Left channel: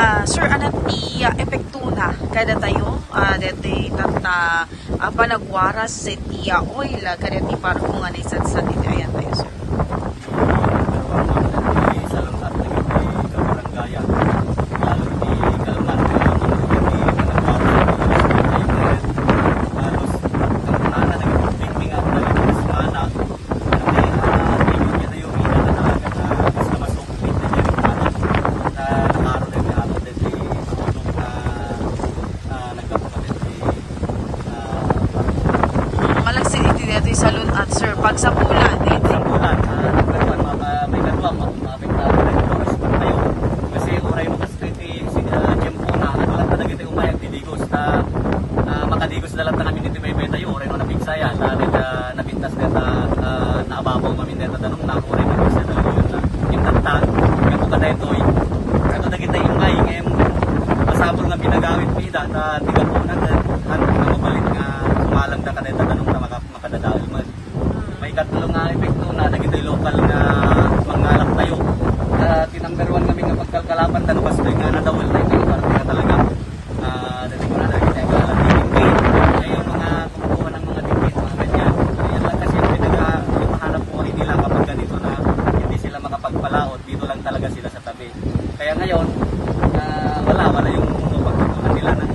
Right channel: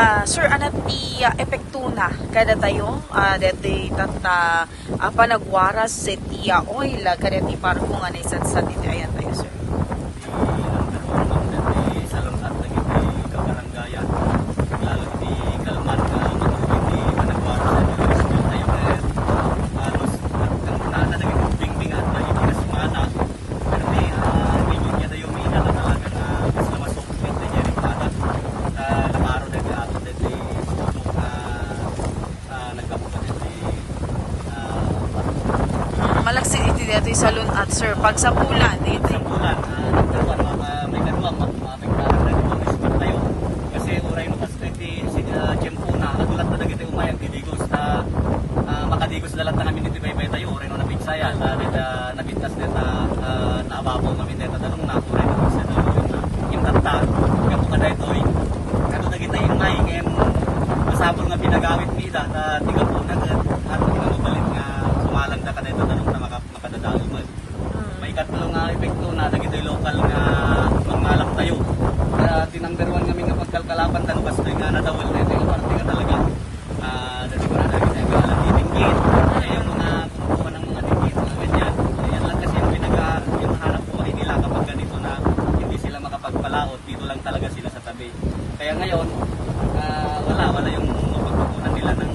Sir, anat ti epekto na kada tayo, deti tata panagwaras sa ti oil, kada ti parko nga naisat iti ayan tayo, sir. Malagsi iti deti salon at sir, pag sa pulan, Sa bulan, may kaluwang, maapektahan na dito ispan kayo. Kasi uray mo kastriti, tiyempo na, nagulat na nagiti umayag, didigos na makadigos na lang na kami nito baybay tayo, uray mo napigsaya, nabintas na naababaw kami nito tanong na, uray mo kasi na intantag, kapo ka na ito, ako nagita imay, ngayon, masabol nga pinagawit mida, tiga po na, hantong na mabalik nga, umalang ka na ito tanong na makadadawin mo. May katlo nga epekto na nagito'y lokal na mangalak tayo. Tinanggaruan kami nga pagkalkalapan dan pastoy nga nadawal tayo tayo parte nga talaga. Dati ko na kaya galang dinggit. Kaya yung mga kumukuha ng mga dinggit, mga ganyan. Yan lang kasi yung pinagmahanap buhay nila kapag ganito na hindi sila makapagpalaot. Dito lang talaga sila sa tabi. Kaya ngayon, wala yung pagkukunan nila ng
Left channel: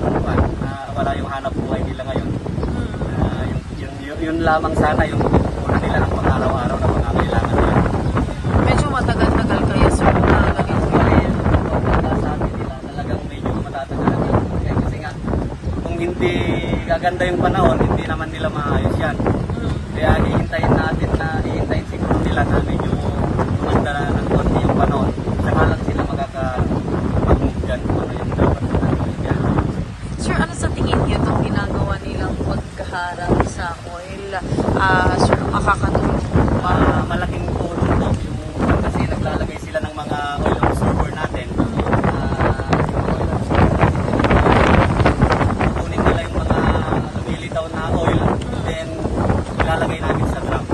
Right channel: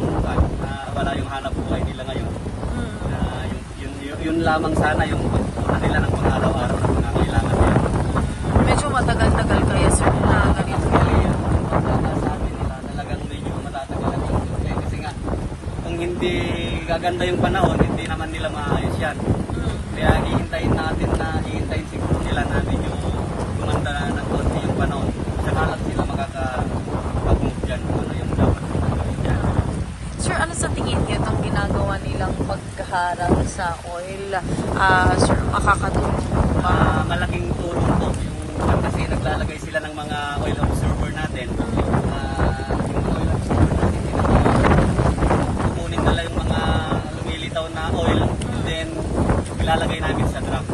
wala yung hanap buhay nila ngayon. Yun lamang sana yung kukunan nila ng pang-araw-araw na pangangailangan nila. Medyo matagal-tagal kaya sa na ganito. Sabi nila talagang medyo matatagalan. Kasi nga, kung hindi gaganda yung panahon, hindi naman nila maayos yan. Kaya hihintayin siguro nila na medyo gumanda na ng konti yung panahon. Saka lang sila makaka-move dyan kung ano yung dapat na yan. Sir, ano sa tingin niyo itong ginagawa nilang pagkaharang sa oil? Sir, makakatulong ba? Malaking tulong po yung kasi naglalagay sila ng mga oil absorber natin. Yung oil absorber kukunin nila yung mga lumilitaw na oil and then ilalagay namin sa drum.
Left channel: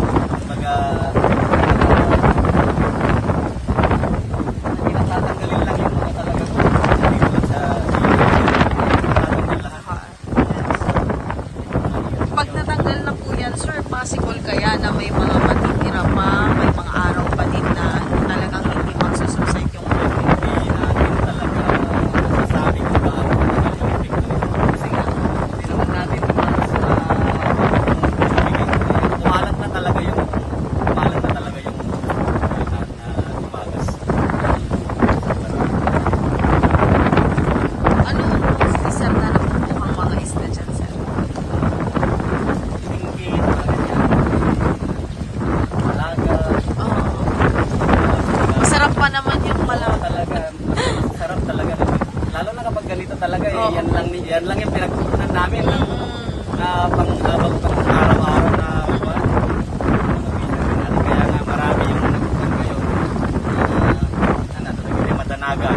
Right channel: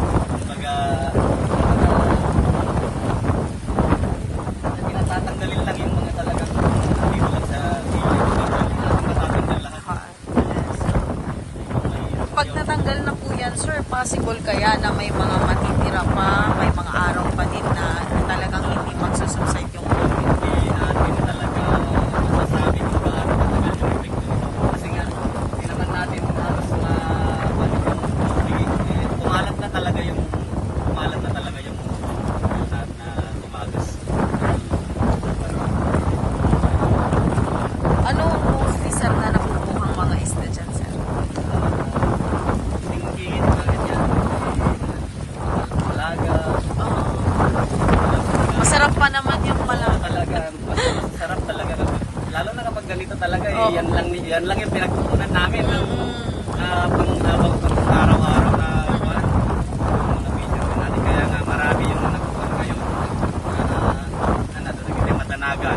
Tatanggalin lang yung mga talagang sa Pag natanggal na po yan, sir, possible kaya na may mga matitira pa, may mga araw pa din na talagang hindi magsusubside yung hindi natin talaga masasabi kung paano matagal yung epekto nito. Kasi nga, hindi naman natin halos na kumalat na talaga yung tumagas. ano mostly, sir, na nakukuhang mga isda dyan, sir? Masarap pa naman yung malaga. Talaga, masarap talaga kasi lalo na kapag ganito talaga yan lang yung pinagkukunan namin na pang araw-araw na buwan. Kaya nga marami yung nagkukunan ngayon. Talaga yung madanaga.